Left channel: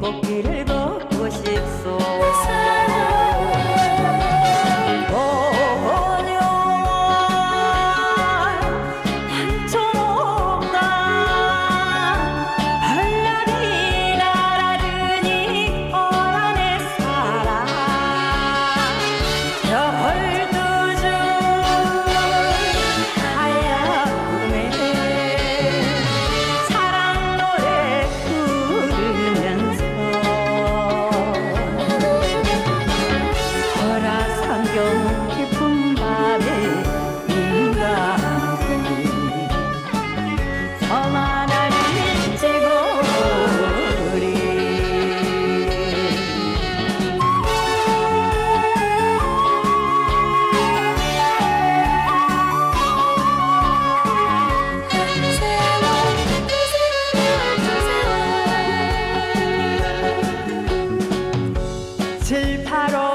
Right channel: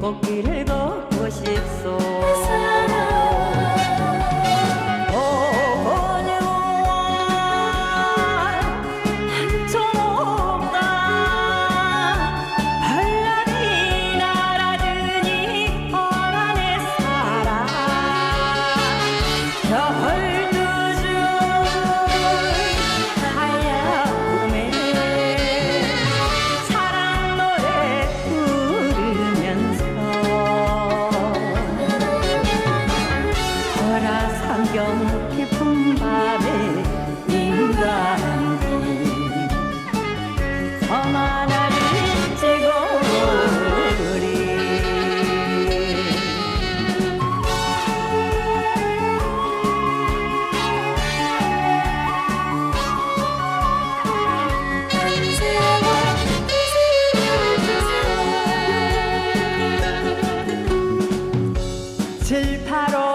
꽃길을 걷고 싶소. 오녀 한쪽 없다. 벌날이 날아드니 거란의 사랑 별 호라상경 깊은 밤에 님과 함께 섬 하나를 찍어 놓으리. 칠, 팔월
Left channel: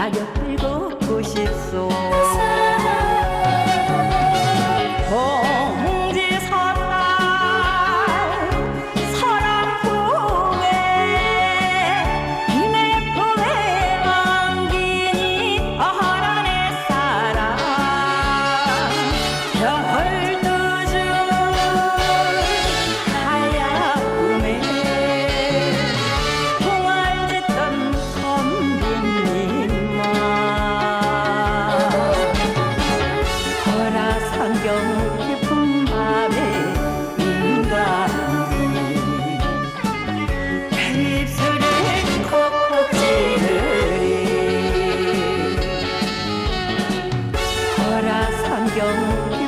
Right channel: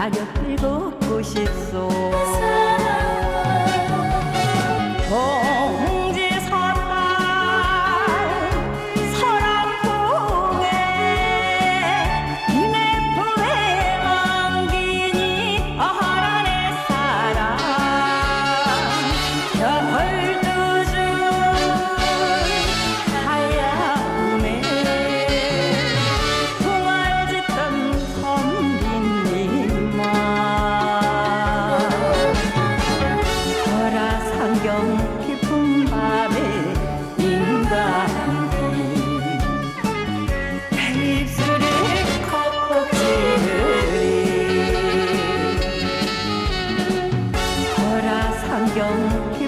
낙엽을 걷고 싶소 호라상경 깊은 밤에 함께 입술을 콕콕 찍으리 호라상경